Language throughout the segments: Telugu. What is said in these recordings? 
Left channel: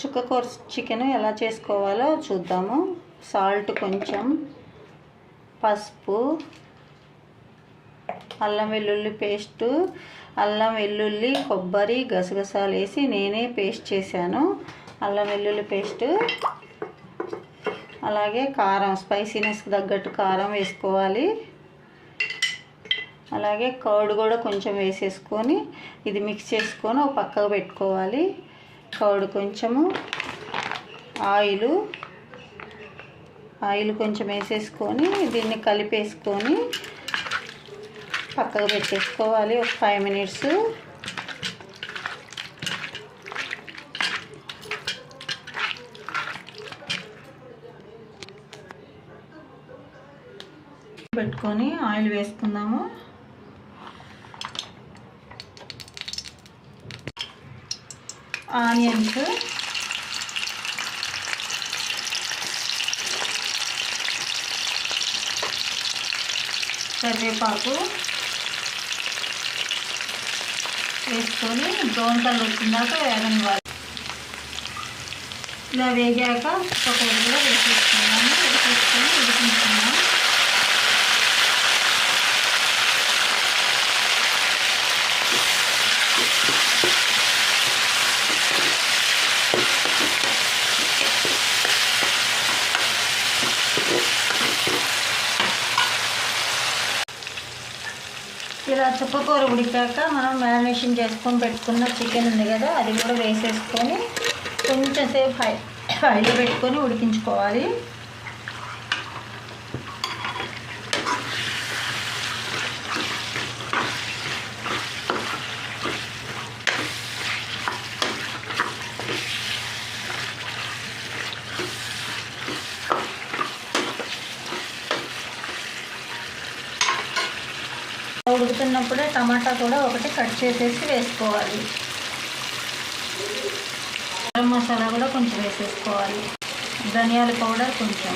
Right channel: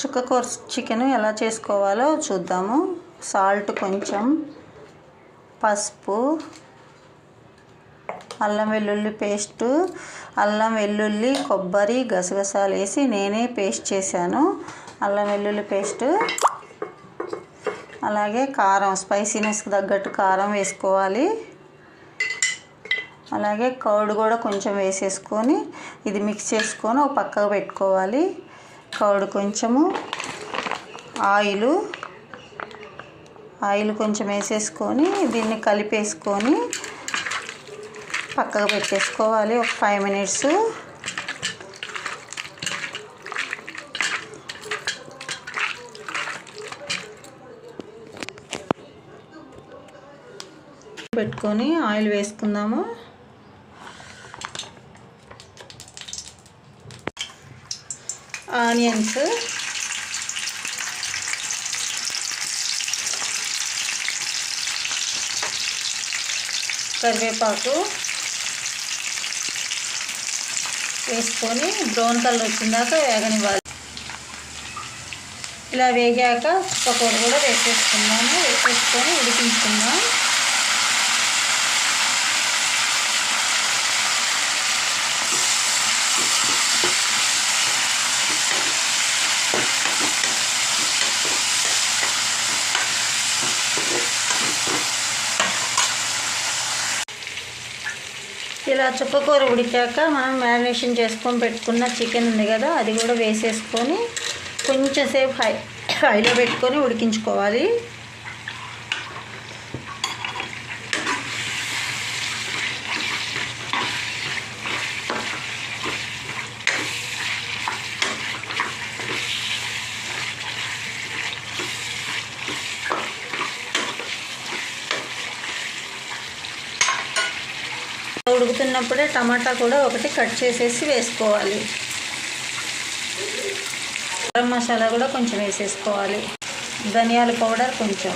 చుక్కకూర చికెన్ ఎలా చేసుకోవాలో చూద్దాము. సాల్ట్ కొంచెం, పసుపు, అల్లం వెల్లుల్లి పేస్టు, అల్లం వెల్లుల్లి కొబ్బరి గసగసాలు వేసి నేనే పేస్ట్ చేశాను. అల్లం వెల్లుల్లి పేస్టు, అలాగే కారం, స్పైసీనెస్కి తగ్గట్టు కారం వేసుకోవాలి. అలాగే కర్డ్ కూడా కొంచెం వేసేసుకొని ఇది మిక్స్ చేసుకొని ఒక పక్కకు పెట్టుకోవాలి. కర్డ్ కొంచెము, ఆయిల్ కొంచెం వేసేసుకొని దీన్ని కలిపేసుకొని పక్కకు పెట్టేసుకోవాలి ఒక 5 minutes. పెట్టుకొని ఆయిల్ వేసుకుందాము. ఆనియన్స్, కరివేపాకు వేసుకొని బ్రౌన్ కలర్ వచ్చిందాక వేగనివ్వాలి. ఇలా వేగాక చుక్కకూర కూడా వేసేసుకున్నాము. వేసేసుకొని ఉడికించుకున్నాం. ఇలా చుక్కకూర ఉడికాక మనం మ్యారినేషన్ చేసుకొని పెట్టుకున్న చికెన్ ఉంది కదా, అది కూడా వేసేసుకొని కొంచెం సేపు హైలో పెట్టుకొని ఉడికించుకోవాలి. ఉడుకుతున్నప్పుడే టమాటా కూడా ఒకటి కట్ చేసేసి వేసుకోవాలి. గరం మసాలా కూడా కొంచెం వేసేసుకోవాలి. ధనియాల పౌడర్ కొంచెం.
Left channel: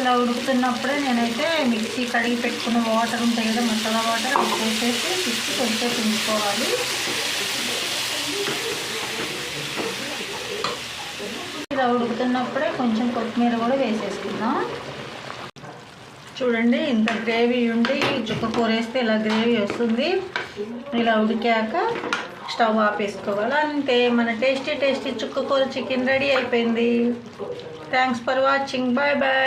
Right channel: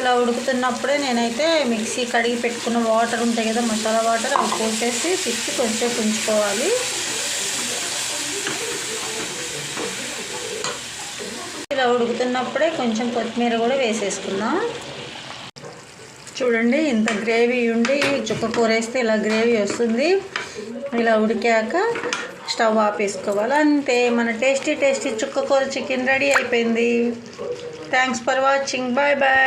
ఇలా ఉడుకుతున్నప్పుడే నేనైతే మిక్సీ కడిగి పెట్టుకున్న వాటర్ ఉంటాయి కదా, మసాలా వాటర్, అవి వేసేసి తిప్పి కొంచెం ఉంచుకోవాలి. ఇలా ఉడుకుతున్నప్పుడే కొంచెం కొత్తిమీర కూడా వేసేసుకుందాం. చూడండి, ఇంత గ్రేవీ ఉండి చుక్కకూర వేస్తే ఇలా గ్రేవీ వస్తుంది. ఇలా ఉడికాక స్టవ్ ఆపేసుకోవాలి. అంతే, మన టేస్టీ చుక్కకూర చికెన్ రెడీ అయిపోయింది. Thanks for watching. Bye bye.